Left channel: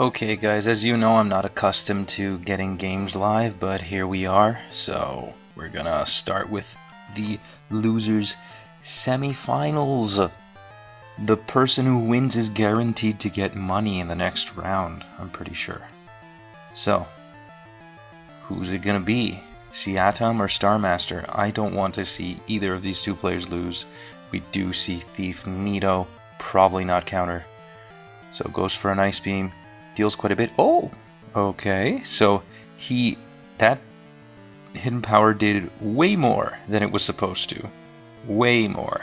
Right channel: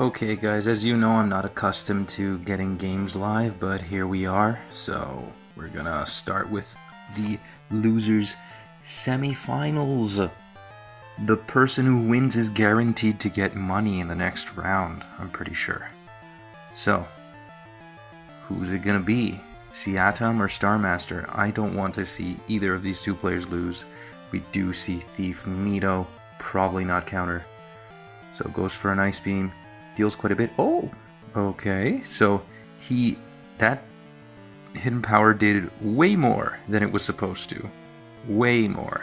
Okay guys, as you know, I'm not accustomed to getting games live, but here we are. So we're gonna start with the losers semifinals. The person who wins is guaranteed to get money in the next round, I'm pretty sure. So, who's it gonna be? Siatam or Starmaster? I don't want to see either of these two players lose. We do see Thief Nito, probably not counter. So goes for an Ice Beam. Deals quite a bit. Oh, okay. So that hidden power did way more than it was supposed to. Way more.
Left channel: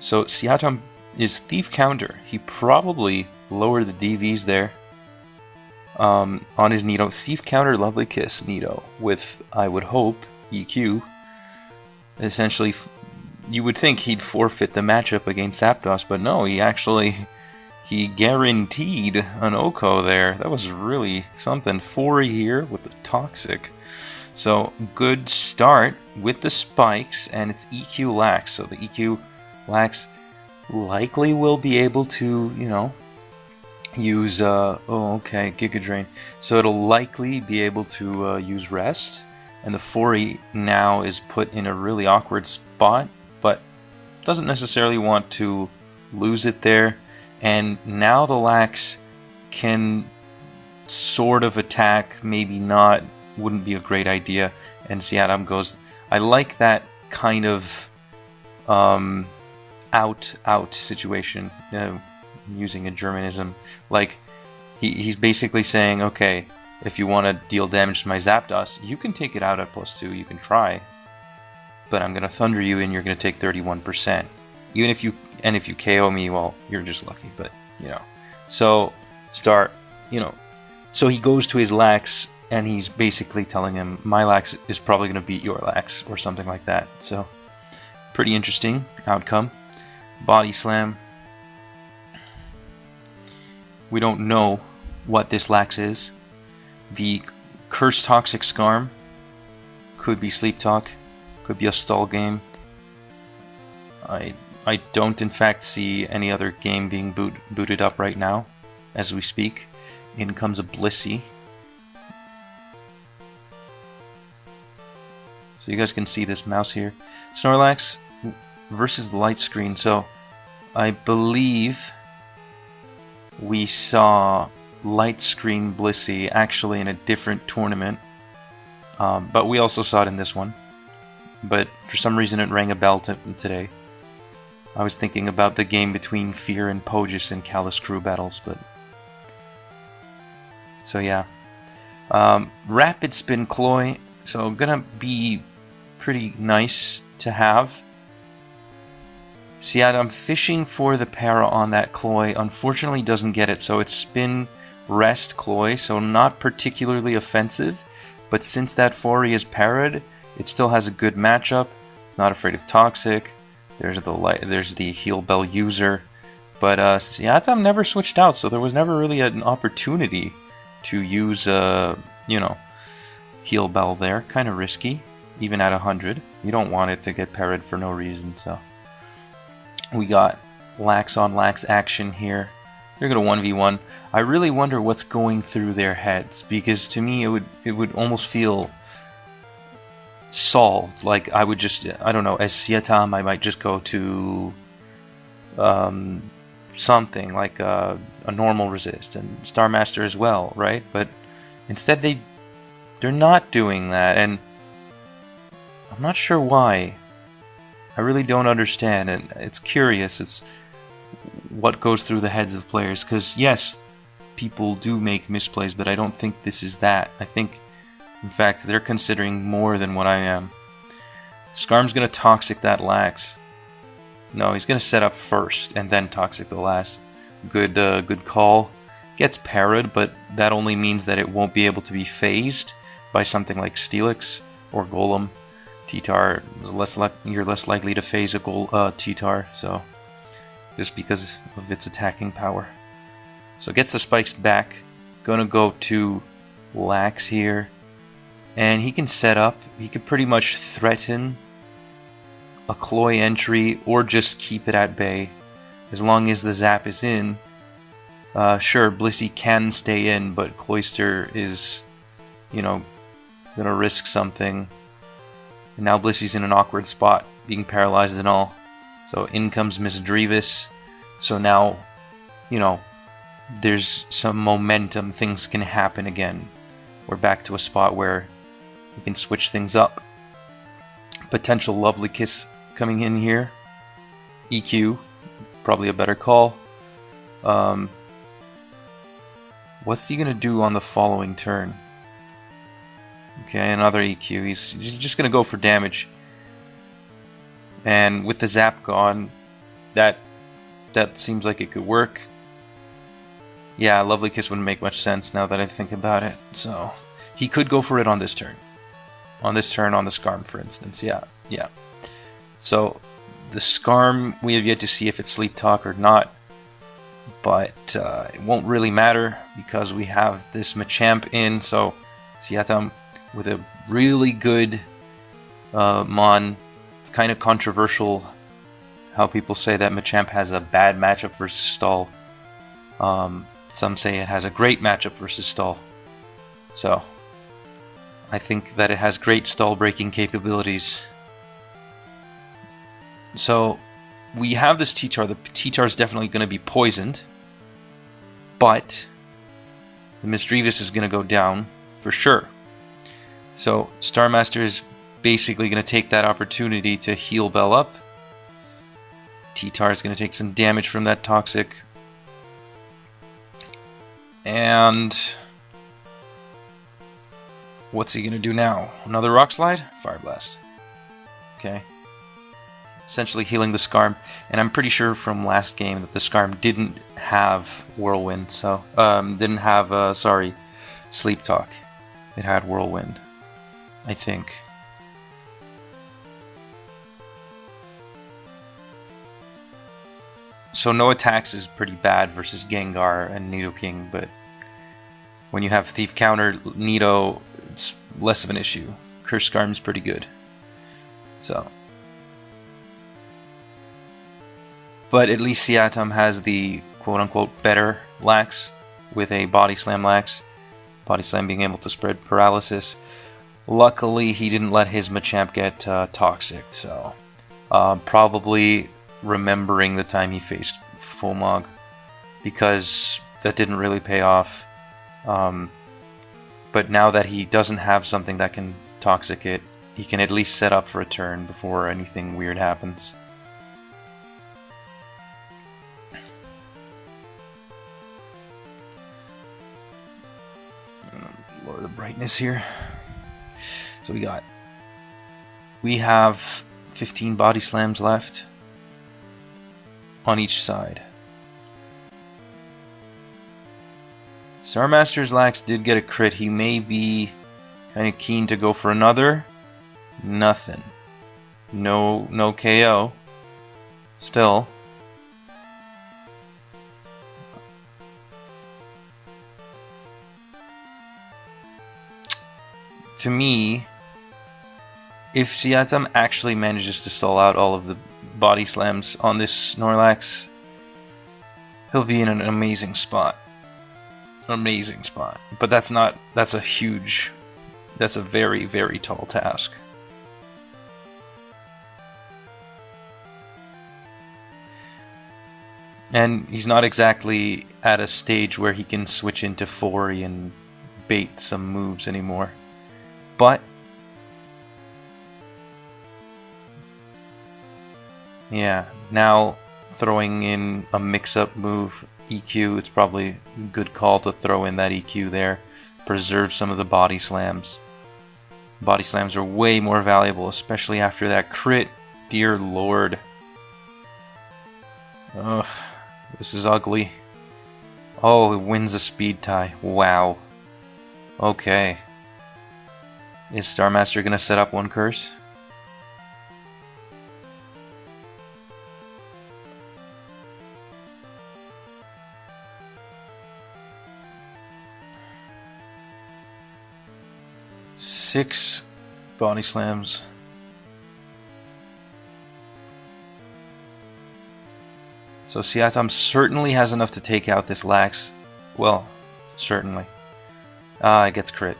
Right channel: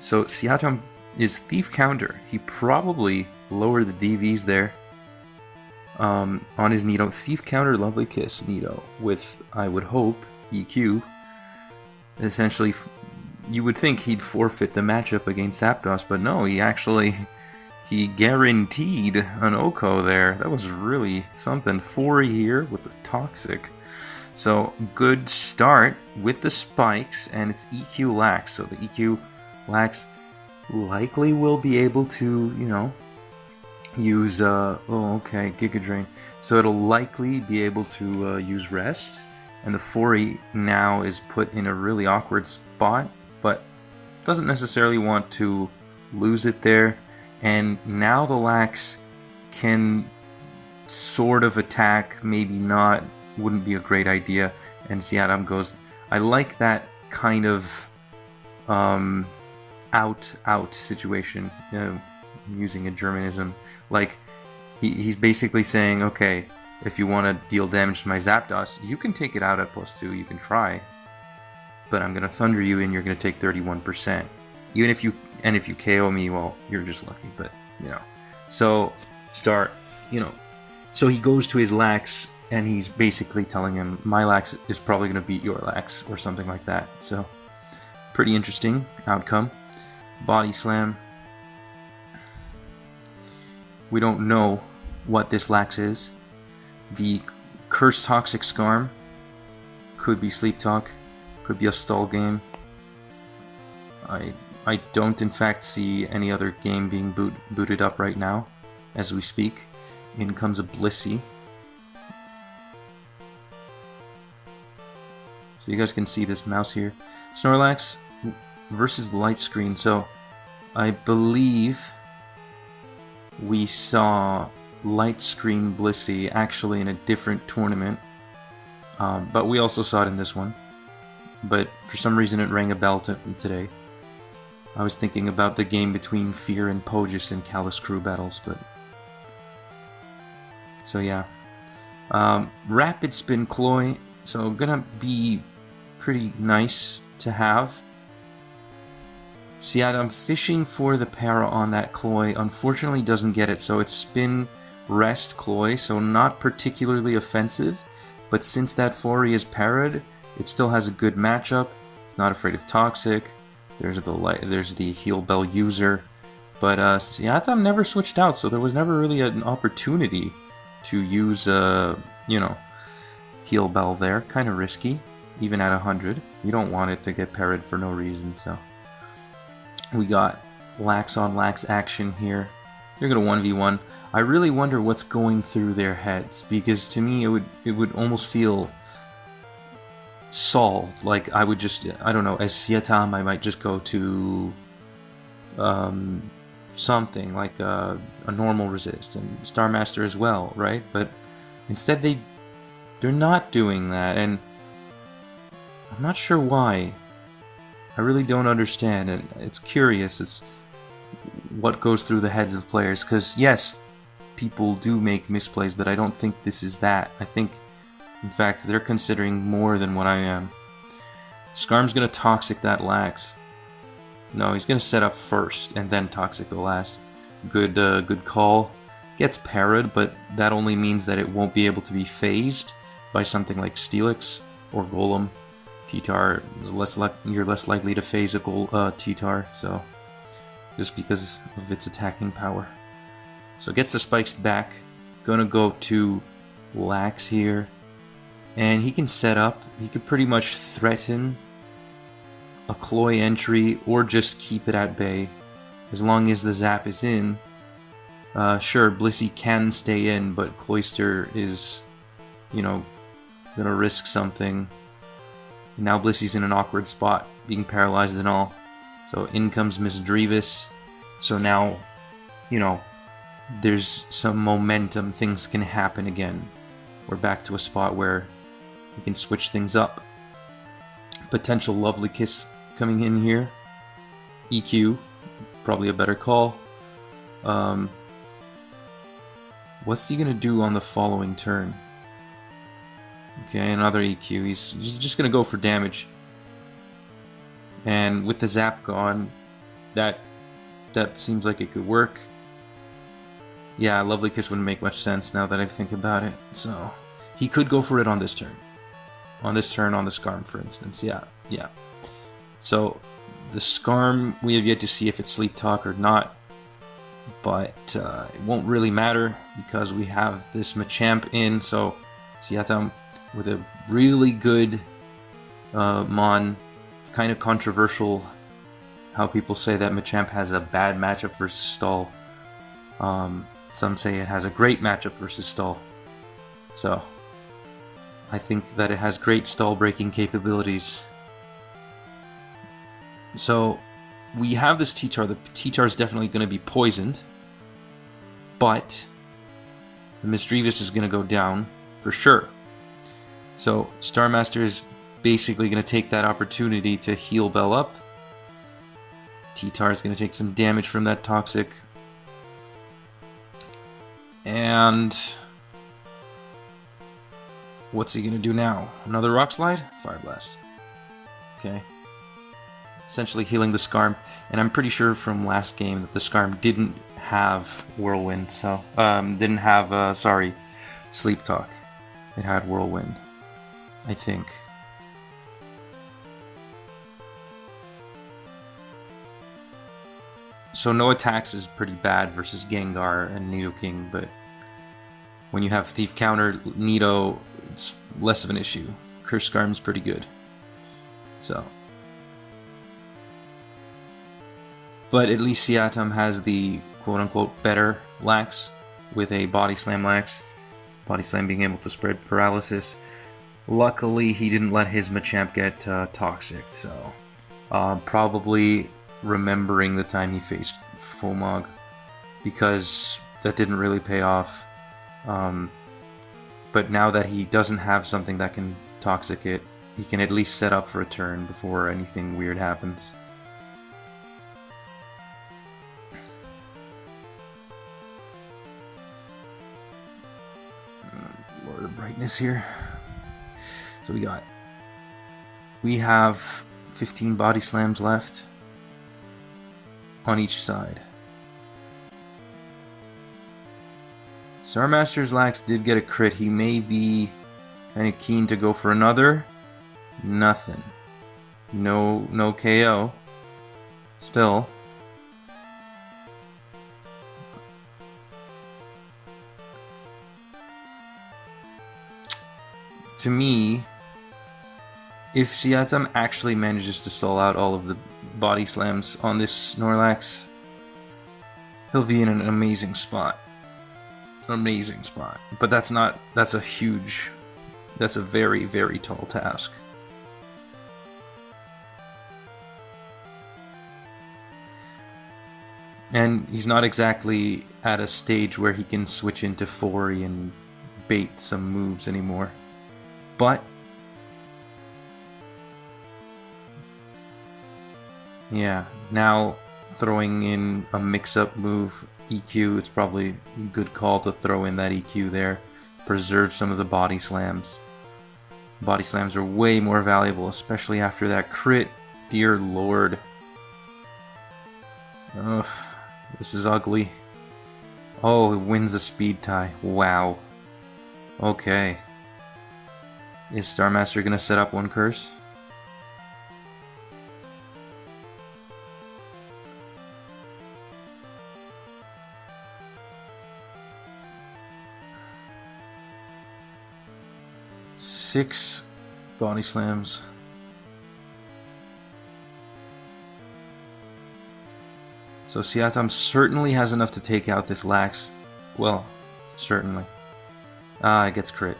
So Siatam is Thief counter. He probably lowered the DVs there on his Nito. Thief counter, Lovely Kiss Nito with, I would hope, EQ. Essentially, you would think he'd forfeit the matchup against Zapdos, but no, he guaranteed an Oko there. That was really something. 4 here with the Toxic. So, good start with the spikes, and it's EQ Lax. So the EQ Lax likely will be able to, use, Giga Drain. So it'll likely be able to use Rest. And the 4 now is put in a really awkward spot, but doesn't necessarily want to lose it there. And now the Lax can sort of attack, maybe not, wouldn't be a great idea. And Siatam goes, I like that kind of out situation, using a Germanism. Like, he's basically saying, okay, if you want to deal damage to my Zapdos, you can take it out at +2, you can try. But I'm going to Thunder you and you're going to take 31%. Even if you KO me, well, you're just lucky, but, So, so he goes to his Lax, and he's basically telling him, my Lax is probably going to beat your Lax, or something like that. So, pretty interesting outcome. Body Slam. We don't know what this Lax is. The Curse Toxic Scarm could be Sleep Talk, could be a stall game. I don't, in fact, see any other game being booted up right now, as we speak. In comes a Blissey. So you guys can see this mouse here. Snorlax versus the Light Screen. So, I believe we saw Light Screen Blissey actually in a different tournament. But we also saw it in this one. But for some reason it rang a bell today. I was thinking about the game between Fear and Pogus in Callus Crew battles, but... So yeah. Rapid Spin Cloy, so gonna be pretty nice to have. I'm fishing for the para on that Cloy, unfortunately doesn't get it, so it's Spin, Rest, Cloy, so not particularly offensive, but since that 4 is parried, it still has a good matchup. It's not afraid of Toxic. There's the Heal Bell user, but Siatam never switched out, so there was never really an opportunity to use Heal Bell there. Kind of risky, even at 100. You don't want it to get parried for no reason. So we got Lax on Lax action here. They're gonna 1v1. I really wonder what's going through their heads, because to me it would almost feel solved. Like, I would just, I don't know, as Siatam I might just go to something like a normal resist, and Starmaster as well, right? But instead they're not doing that, and I'm not sure why. I really don't understand, and it's curious. It's what goes through the heads of players, because yes, people do make misplays, but I don't think this is that. I think, in fact, they're considering more than what I am. Skarm's gonna Toxic that Lax. No, he's gonna set up first and then Toxic the last. Good call. Gets parried, but that only means that it won't be able to be phased by something like Steelix or Golem. T-Tar is you're less likely to phase a T-Tar, so just because of its attacking power. So gets the spikes back. Gonna go to Lax here. And he can set up, he could pretty much threaten a Cloy entry or just keep it at bay. As long as the zap is in, Sure, Blissey can stay in, but Cloyster is, you know, gonna risk something. And now Blissey's in an awkward spot, being paralyzed and all. So in comes Miss Drevis. So now, you know, there's some momentum. Things can happen again. We're back to a spot where we can switch things up. Potential Lovely Kiss coming in here. EQ, probably a better call. What's he gonna do on the following turn? Okay, another EQ. He's just gonna go for damage. And with the zap gone, that seems like it could work. Yeah, Lovely Kiss wouldn't make much sense now that I think about it. So he could go for it on this turn. On this turn, on the Skarm, for instance. Yeah. So the Skarm, we have yet to see if it's Sleep Talk or not. But it won't really matter because we have this Machamp in. So Siatam with a really good Mon. It's kind of controversial how people say that Machamp has a bad matchup versus Stall. Some say it has a great matchup versus Stall. So I think that it has great stall breaking capabilities. So we have this T-Tar. The T-Tar is definitely going to be poisoned. But the Miss Drevis is going to go down for sure. So Starmaster is basically going to take that opportunity to heal Bell up. T-Tar is going to take some damage from that Toxic. And what's he going to do now? Another Rock Slide? Fire Blast. Okay. Essentially healing the Skarm. And I'm pretty sure from last game that the Skarm didn't have Whirlwind. So, didn't have, Sleep Talk. It had Whirlwind, I think. So no attacks is pretty bad versus Gengar and Nidoking, but when you have Thief Counter, Nido, it's less of an issue. Curse Skarm is pretty good. So. But at least Siatam has the quote-unquote better Lax with a Body Slam Lax. Body Slam being able to spread paralysis. Luckily, he didn't let his Machamp get Toxic, so probably remembering the time he faced FOMG, because that didn't really pay off. But now that he doesn't have something that can Toxic it, he can at least set up for a turn before anything weird happens. Lower the brightness here. So we have 15 Body Slams left on each side. Starmaster's Lax did get a crit. He may be kind of keen to go for another. Nothing. No KO. Still. To me, if Siatam actually manages to stall out all of the Body Slams on this Snorlax, he'll be in an amazing spot. Amazing spot. But that's a very, very tall task. And he's not exactly at a stage where he can switch into Fori and bait some moves anymore. But yeah, now throwing in a mix-up move, EQ, it's probably a good call to throw in that EQ there. Preserve some of the Body Slams. Body Slams are way more valuable, especially after that crit. Dear Lord. Ugh, this is ugly. Oh, it wins the speed tie. Wow. Okay. Is Starmaster gonna set up one curse? Six Body Slams. So Siatam certainly has enough to take out this Lax. Well, certainly. It gets crit.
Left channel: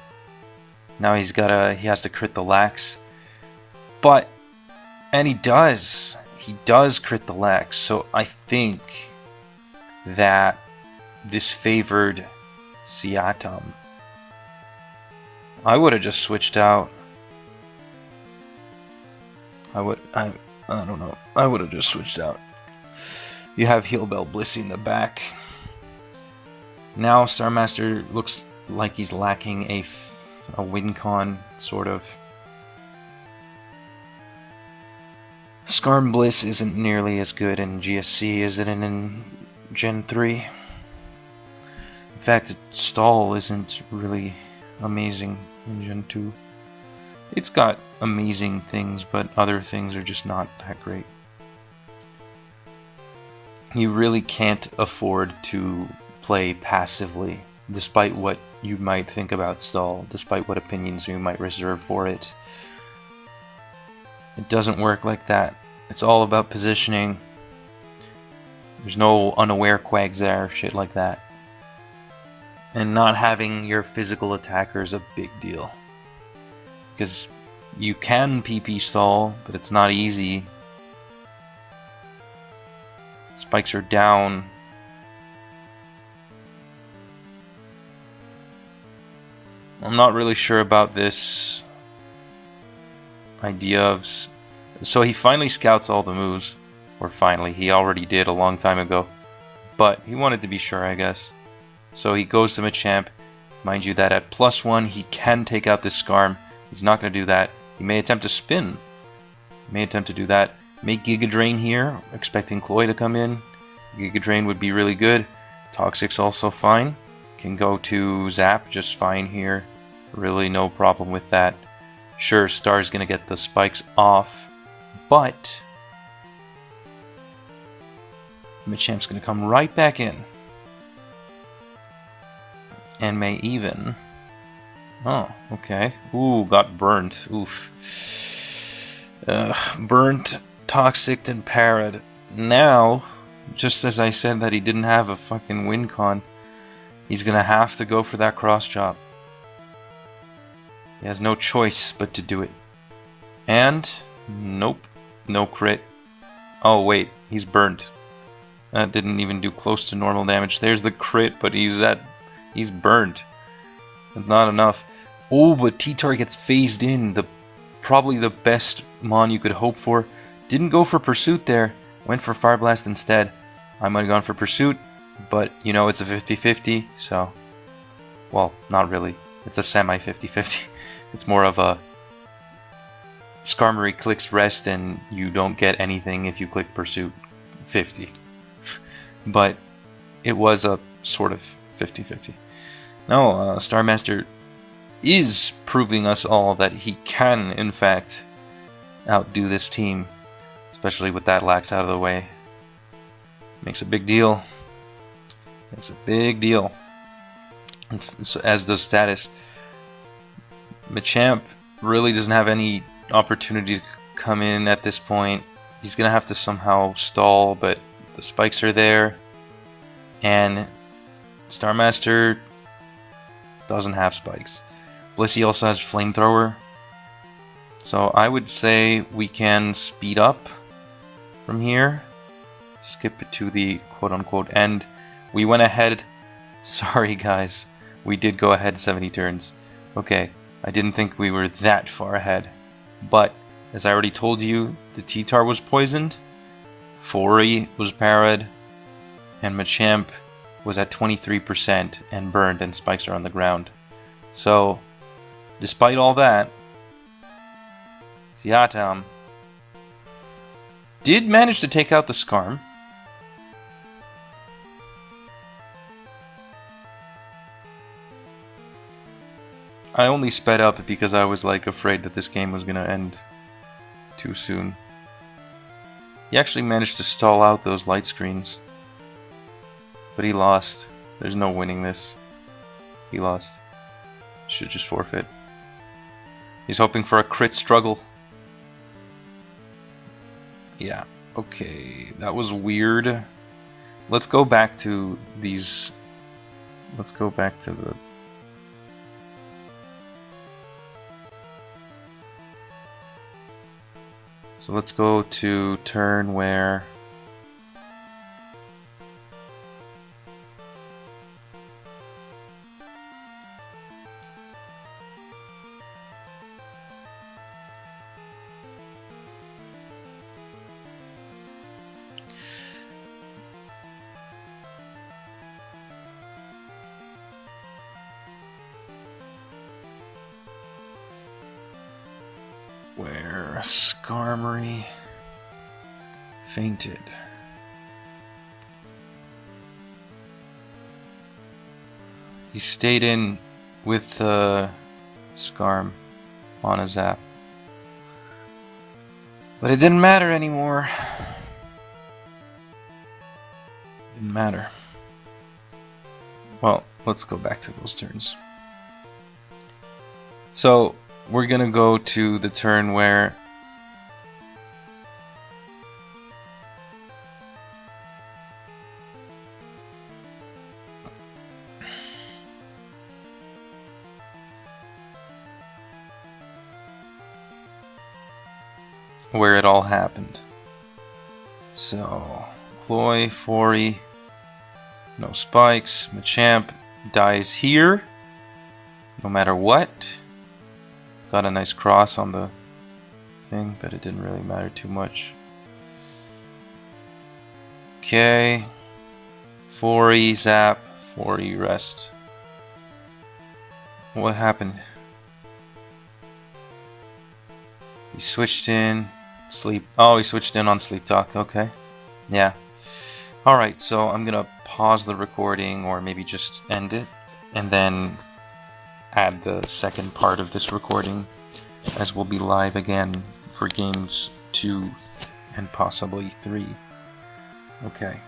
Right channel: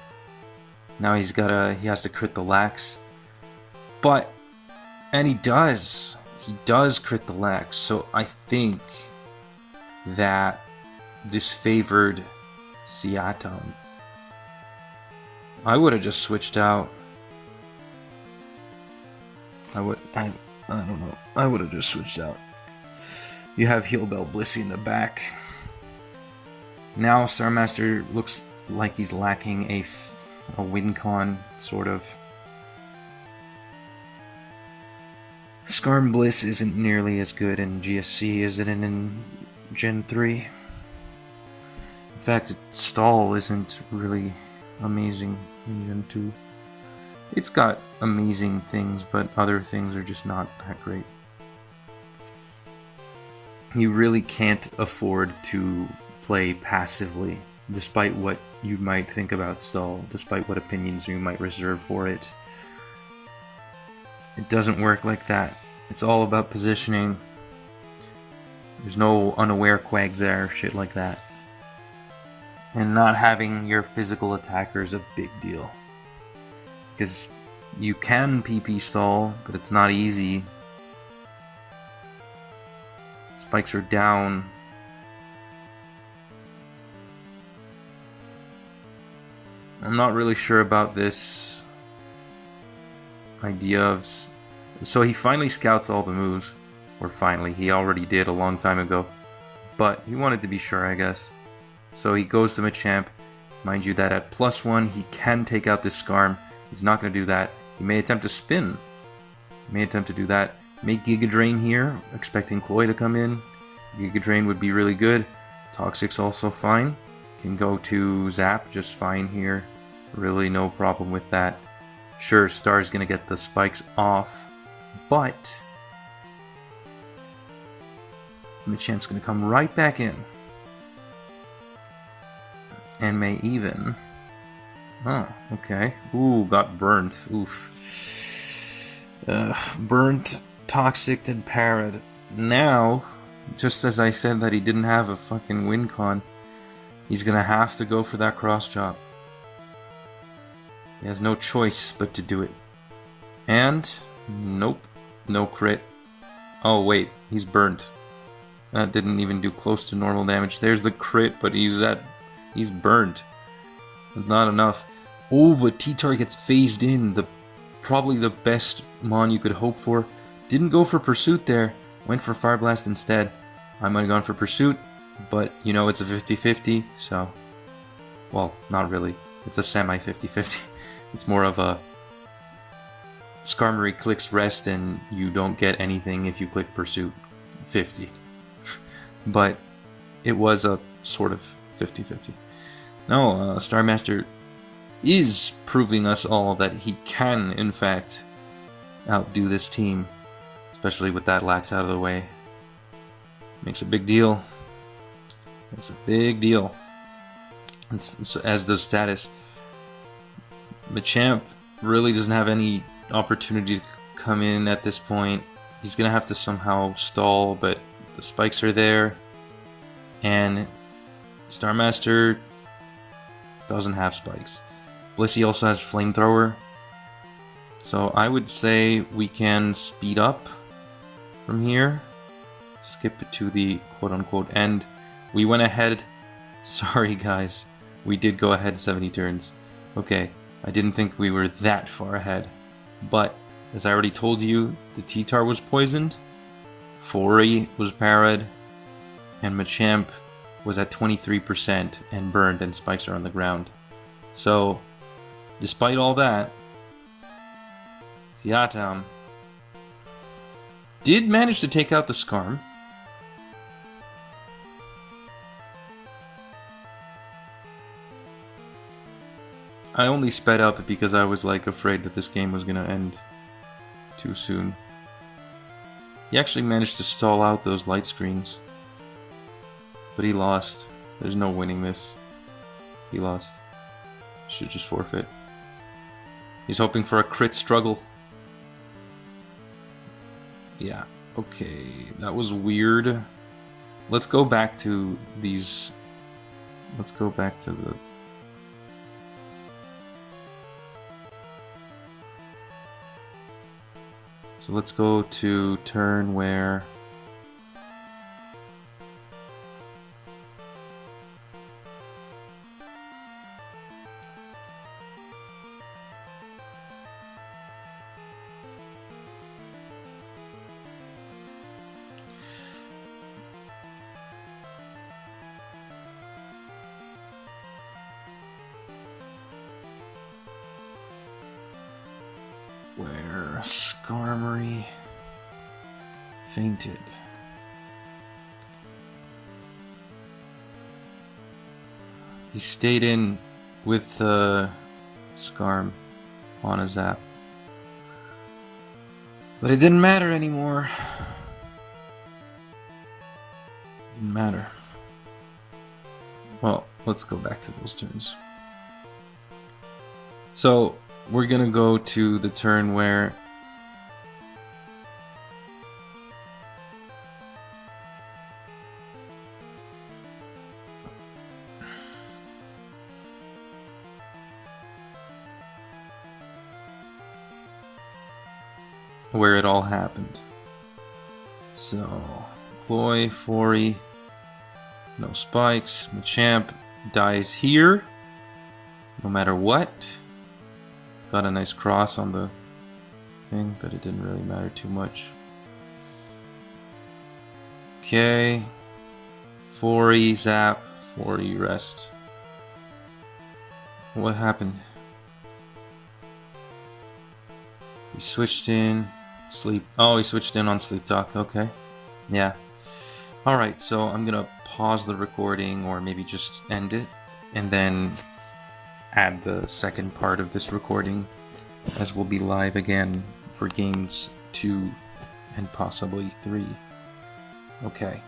Now he has to crit the Lax. But, and he does crit the Lax. So I think that this favored Siatam. I would have just switched out. I don't know. I would have just switched out. You have Heal Bell Blissey in the back. Now Starmaster looks like he's lacking a win con, sort of. Skarm Bliss isn't nearly as good in GSC as it in Gen 3. In fact, Stall isn't really amazing in Gen 2. It's got amazing things, but other things are just not that great. You really can't afford to play passively, despite what you might think about Stall, despite what opinions you might reserve for it. It doesn't work like that. It's all about positioning. There's no unaware quags there, shit like that. And not having your physical attacker is a big deal. Because you can PP stall, but it's not easy. Spikes are down. I'm not really sure about this idea of... So he finally scouts all the moves. Or finally, he already did a long time ago. But he wanted to be sure, I guess. So he goes to Machamp. Mind you that at +1 he can take out this Skarm. He's not going to do that. He may attempt to spin. He may attempt to do that. Make Giga Drain here, expecting Cloy to come in. Giga Drain would be really good. Toxic's also fine. Can go to Zap just fine here. Really no problem with that. Sure, Star's going to get the spikes off. But Machamp's going to come right back in. And may even... Oh, okay. Ooh, got burnt. Oof. Burnt, Toxic, and Parrot. Now, just as I said that he didn't have a fucking win con, he's gonna have to go for that cross chop. He has no choice but to do it. And, nope, no crit. Oh wait, he's burnt. That didn't even do close to normal damage. There's the crit, but he's burnt. Not enough. Oh, but T-Tar gets phased in. Probably the best Mon you could hope for. Didn't go for Pursuit there. Went for Fire Blast instead. I might have gone for Pursuit, but you know it's a 50-50, so... Well, not really. It's a semi 50-50. It's more of a... Skarmory clicks Rest and you don't get anything if you click Pursuit 50. But it was a sort of 50-50. No, Starmaster is proving us all that he can, in fact, outdo this team. Especially with that Lax out of the way. Makes a big deal. Makes a big deal. As does Status. Machamp really doesn't have any opportunity to come in at this point. He's going to have to somehow stall, but the spikes are there. And Starmaster doesn't have spikes. Blissey also has Flamethrower. So I would say we can speed up from here. Skip it to the quote-unquote end. We went ahead. Sorry guys. We did go ahead 70 turns. Okay, I didn't think we were that far ahead. But, as I already told you, the T-Tar was poisoned. Fori was parried. And Machamp was at 23% and burned, and spikes are on the ground. So, despite all that, Siatam did manage to take out the Skarm. I only sped up because I was like afraid that this game was gonna end too soon. He actually managed to stall out those light screens. But he lost. There's no winning this. He lost. Should just forfeit. He's hoping for a crit struggle. Yeah, okay. That was weird. let's go back to these. Let's go back to the. So let's go to turn where. Where Skarmory fainted. He stayed in with Skarm on a zap. But it didn't matter anymore. Didn't matter. Well, let's go back to those turns. So, we're gonna go to the turn where it all happened. So, Ploy, Fori, no spikes, Machamp dies here, no matter what. Got a nice cross on the thing, but it didn't really matter too much. Okay. 4E zap, 4E rest. What happened? He switched in sleep. Oh, he switched in on sleep talk. Okay. Yeah. Alright, so I'm gonna pause the recording or maybe just end it and then add the second part of this recording, as we'll be live again for games 2 and possibly 3. Okay.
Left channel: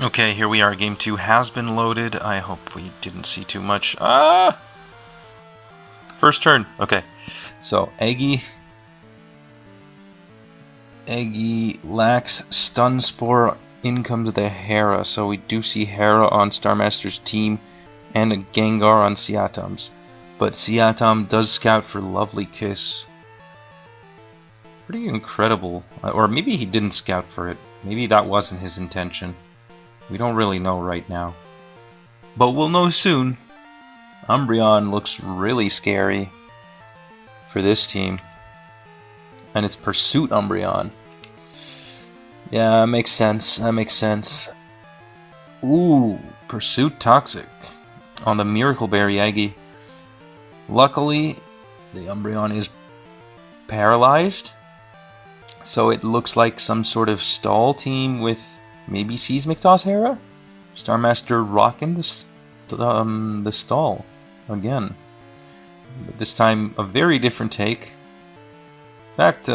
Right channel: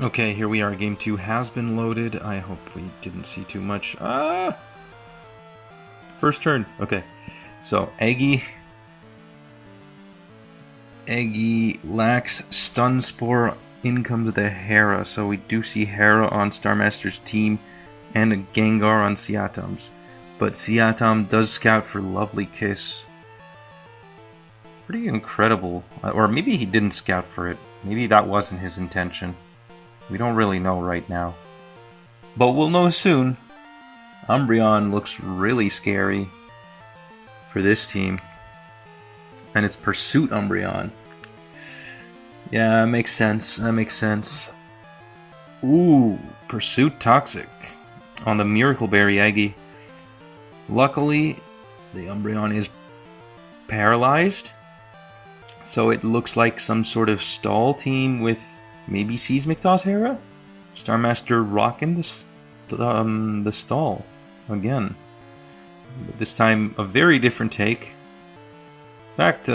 Okay, here we are. Game 2 has been loaded. I hope we didn't see too much. First turn. Okay. So, Eggy lacks Stun Spore. In comes the Hera. So we do see Hera on Starmaster's team and a Gengar on Siatam's. But Siatam does scout for Lovely Kiss. Pretty incredible. Or maybe he didn't scout for it. Maybe that wasn't his intention. We don't really know right now. But we'll know soon. Umbreon looks really scary for this team. And it's Pursuit Umbreon. Yeah, that makes sense. That makes sense. Ooh, Pursuit Toxic on the Miracle Berry Eggy. Luckily, the Umbreon is paralyzed, so it looks like some sort of stall team with maybe Seismic Toss Hera? Starmaster rocking the stall again. But this time, a very different take. In fact,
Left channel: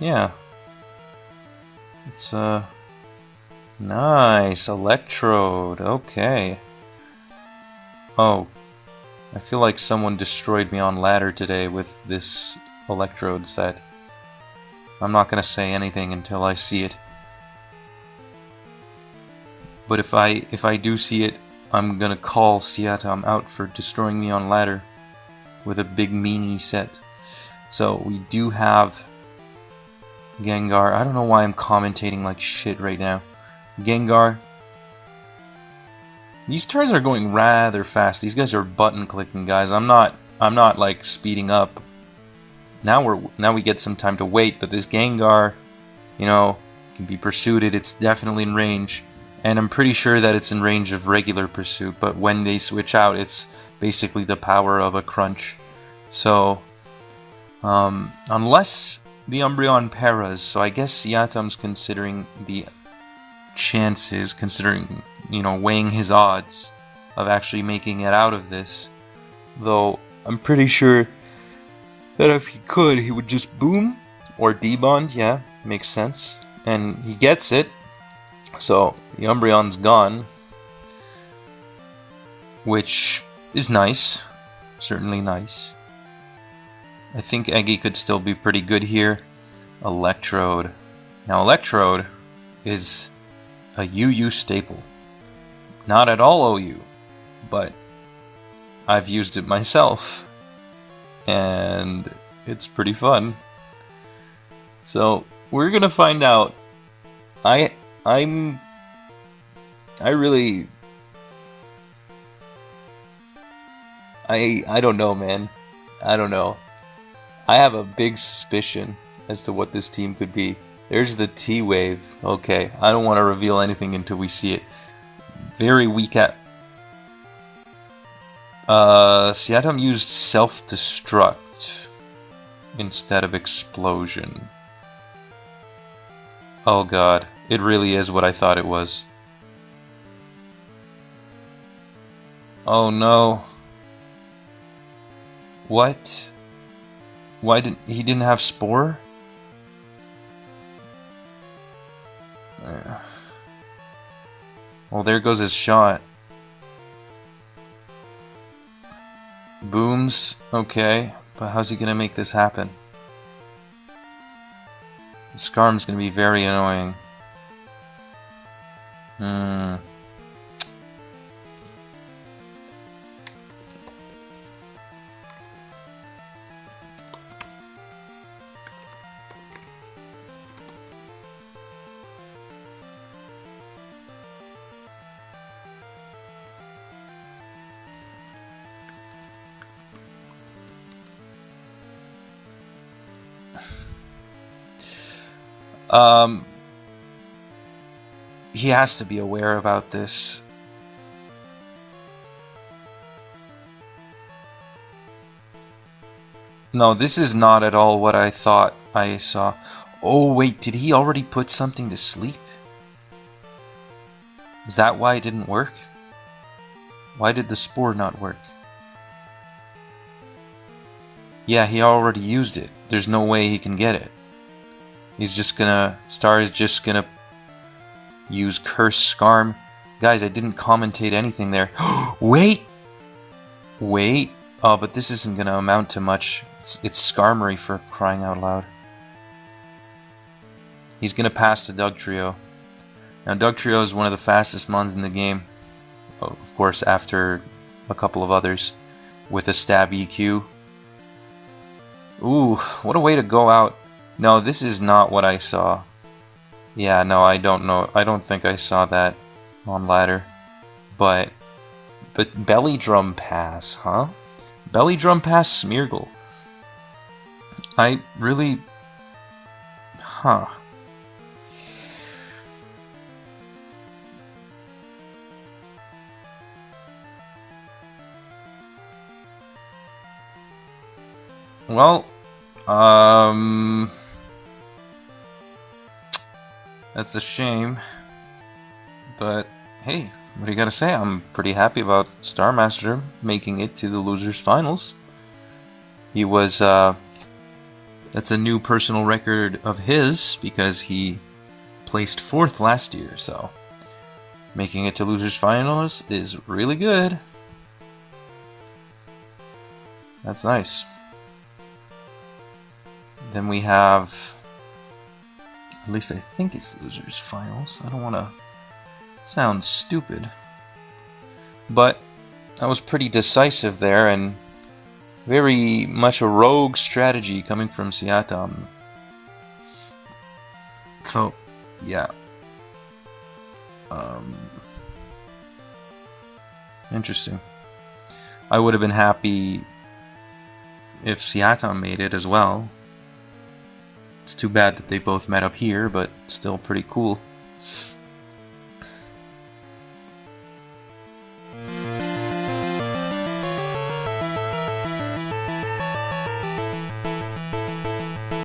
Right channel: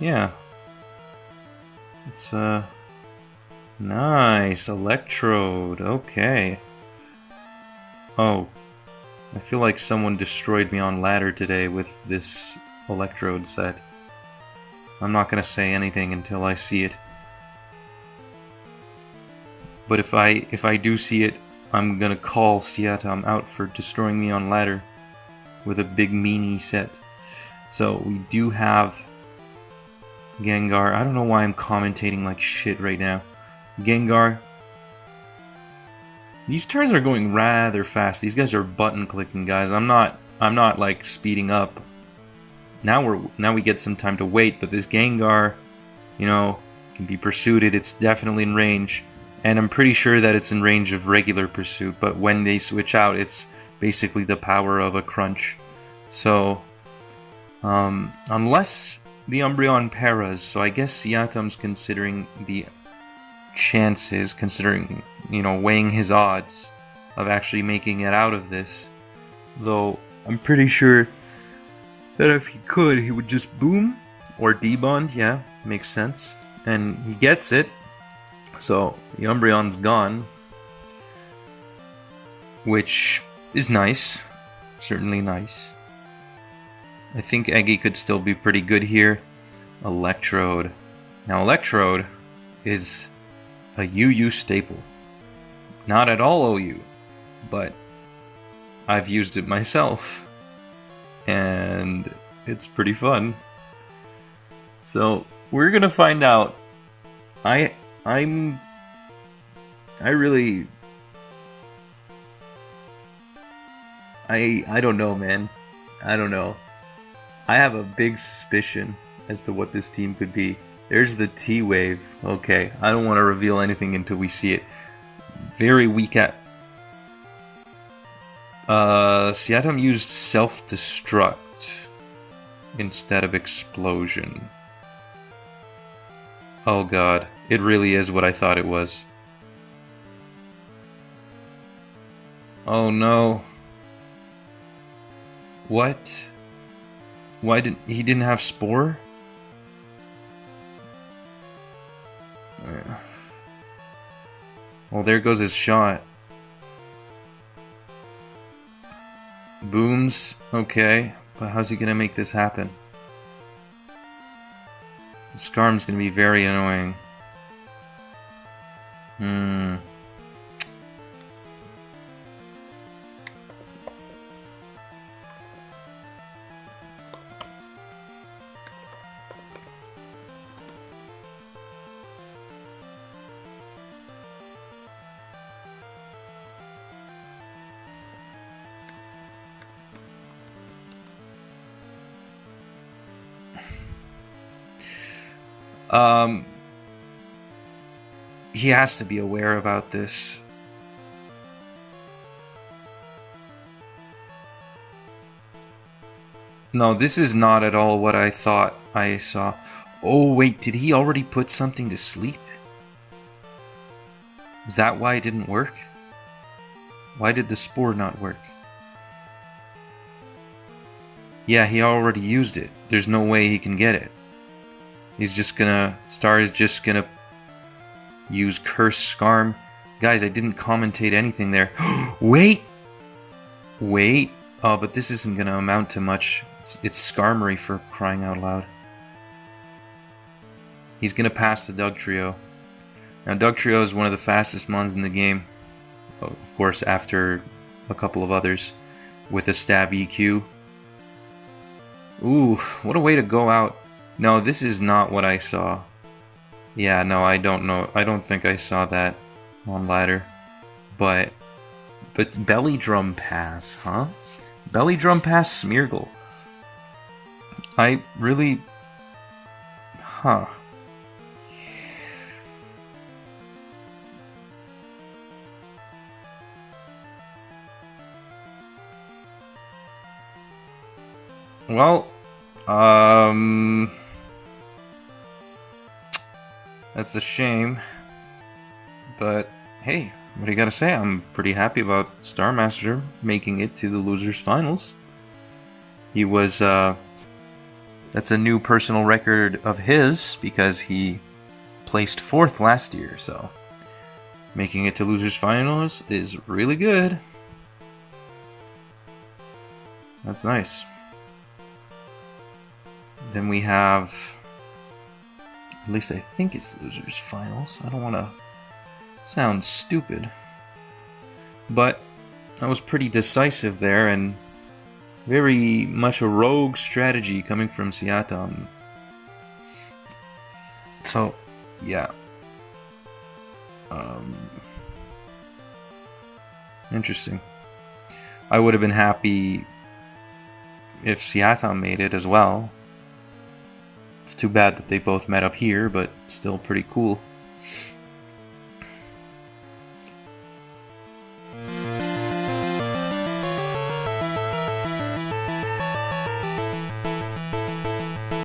yeah. It's, nice. Electrode. Okay. Oh. I feel like someone destroyed me on ladder today with this Electrode set. I'm not gonna say anything until I see it. But if I do see it, I'm gonna call Siatam out for destroying me on ladder with a big meanie set. So we do have Gengar. I don't know why I'm commentating like shit right now. Gengar. These turns are going rather fast. These guys are button clicking, guys. I'm not like speeding up. Now we get some time to wait, but this Gengar, you know, can be pursued. It's definitely in range. And I'm pretty sure that it's in range of regular pursuit, but when they switch out, it's basically the power of a crunch. So unless the Umbreon paras, so I guess Siatam's considering the chances, considering, you know, weighing his odds of actually making it out of this. Though I'm pretty sure that if he could, he would just boom or debond. Yeah, makes sense. And he gets it. So the Umbreon's gone, which is nice. Certainly nice. I think Eggy could still be pretty good here. Electrode. Now, Electrode is a UU staple. Not at all OU, but I've used it myself, and it's pretty fun. So we're gonna find out. I don't know, man. I don't know. I have a big suspicion as to what this team could be. There's the T-Wave. Okay, I don't want to reveal anything until we see it. Very weak at... Siatam used self-destruct instead of explosion. Oh god, it really is what I thought it was. Oh no. What? Why didn't he didn't have Spore? Well, there goes his shot. Booms, okay, but how's he gonna make this happen? Skarm's gonna be very annoying. He has to be aware about this. No, this is not at all what I thought I saw. Oh wait, did he already put something to sleep? Is that why it didn't work? Why did the Spore not work? Yeah, he already used it. There's no way he can get it. He's just gonna... Star is just gonna use Curse Skarm. Guys, I didn't commentate anything there. Wait! Wait! Oh, but this isn't gonna amount to much. It's Skarmory for crying out loud. He's gonna pass the Dugtrio. Now, Dugtrio is one of the fastest mons in the game. Of course, after a couple of others. With a stab EQ. Ooh, what a way to go out. No, this is not what I saw. Yeah, no, I don't know. I don't think I saw that on ladder. But Belly Drum Pass, huh? Belly Drum Pass Smeargle. I really... Huh. Well, that's a shame, but hey, what do you gotta say? I'm pretty happy about Starmaster making it to the losers finals. He was, that's a new personal record of his because he placed 4th last year, so making it to losers finals is really good. That's nice. Then we have, at least I think it's losers finals. I don't want to sound stupid, but I was pretty decisive there and very much a rogue strategy coming from Siatam. So, yeah. Interesting. I would have been happy if Siatam made it as well. It's too bad that they both met up here, but still pretty cool.